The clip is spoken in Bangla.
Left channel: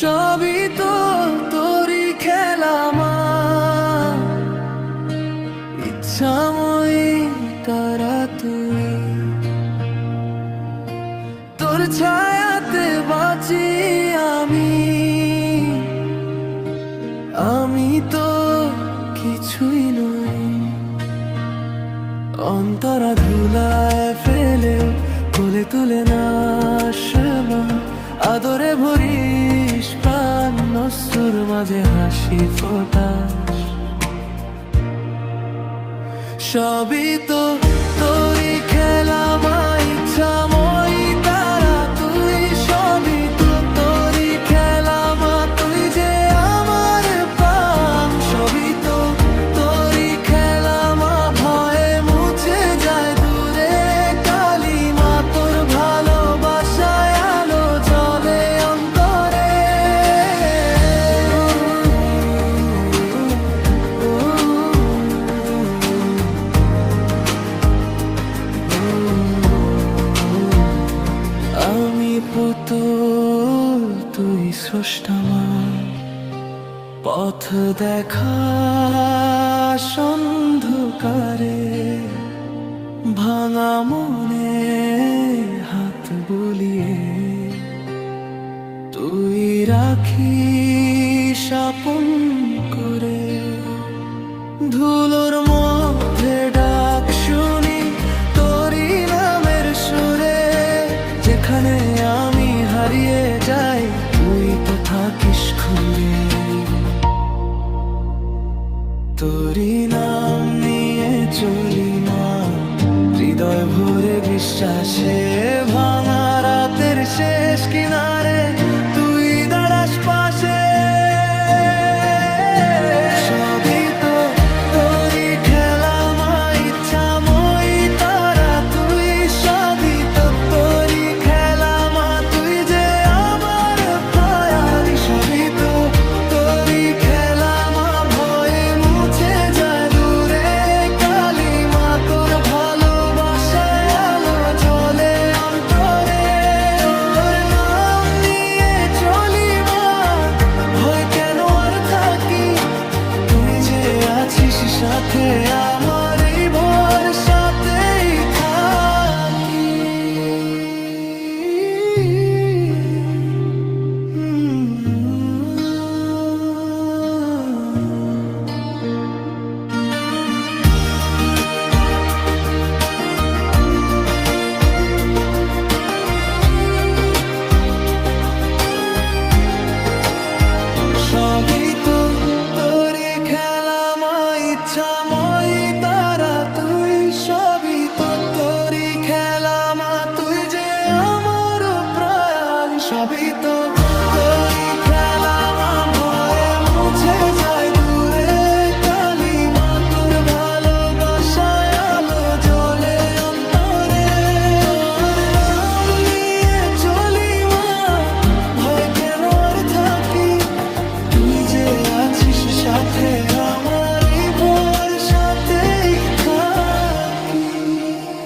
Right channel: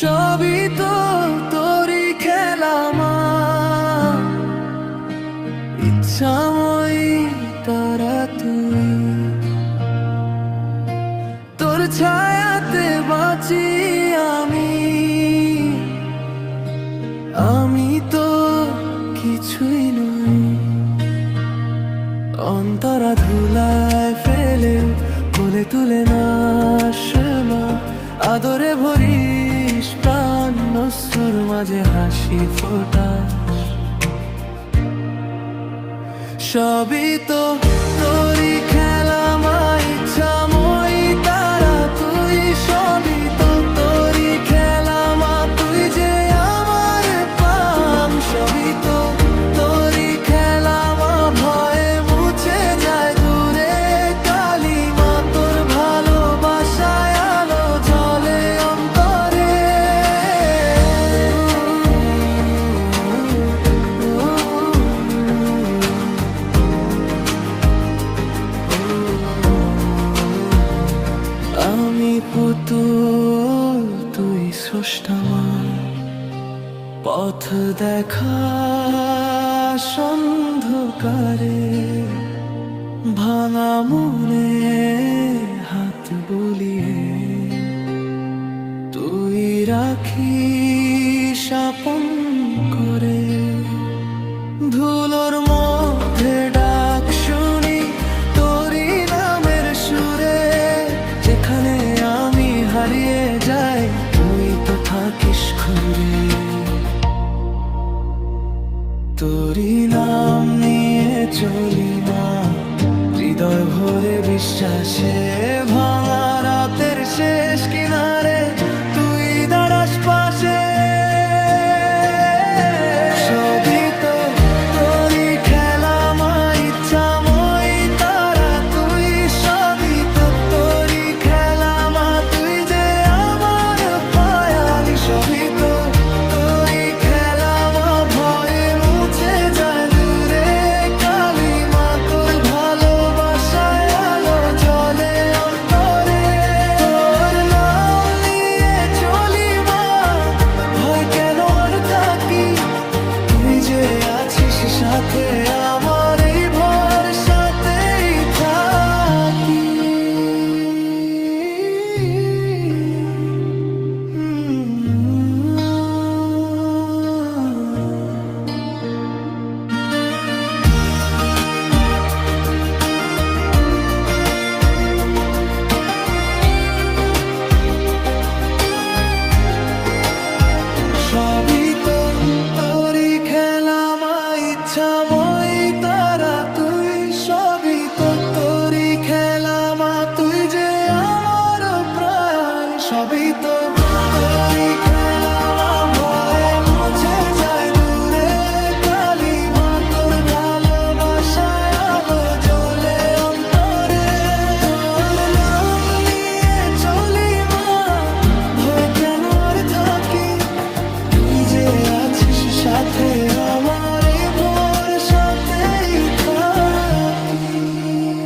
সবই তো তোরই খেলা মা, ইচ্ছাময়ী তারা তুই, তোর ছায়াতে বাঁচি আমি। আমি তো কিছুই নই, অন্তরা ধুলায় ফেলে কোলে তুলে না মা। আদরে ভরিস প্রাণ, নসুর মাঝে হাসি ফোটাস। সবই তো তোরই খেলা মা, ইচ্ছাময়ী তারা তুই। সবই তো তোরই খেলা মা, তুই যে আমার প্রাণ। সবই তো তোরই খেলা মা, ভয়ে মুছে যায় দূরে কালিমা। তোর ভালোবাসায় আলো জ্বলে অন্তরে। আমি পুতুল, তুই স্রষ্টা মা, পথ দেখা অন্ধকারে। ভাঙা মনে হাত বুলিয়ে তুই রাখিস আপন করে। ধুলোর মধ্যে ডাক শুনি তোরই নামের সুরে। যেখানে আমি হারিয়ে যাই, তুই তো থাকিস ঘুরে। তোরই নাম নিয়ে চলি মা, হৃদয় ভরে বিশ্বাসে। ভাঙা রাতের শেষ কিনারে তুই দাঁড়াস পাশে। সবই তো তোরই খেলা মা, ইচ্ছাময়ী তারা তুই। সবই তো তোরই খেলা মা, তুই যে আমার পায়ালি। সবই তো তোরই খেলা মা, ভয়ে মুছে যায় দূরে কালিমা। তোর ভালোবাসায় আলো জ্বলে অন্তরে। তোর নাম নিয়ে চলি মা, ভয় কেন আর থাকি। তুই যে আছিস সাথে আমার, এই ভরসাতেই থাকি। সবই তো তোরই খেলা মা, ইচ্ছাময়ী তারা তুই। সবই তো তোরই খেলা মা, তুই যে আমার প্রাণ। সবই তো তোরই খেলা মা, ভয়ে মুছে যায় দূরে কালিমা। তোর ভালোবাসায় আলো জ্বলে অন্তরে। তোর নাম নিয়ে চলি মা, ভয় কেন আর থাকি। তুই যে আছিস সাথে আমার,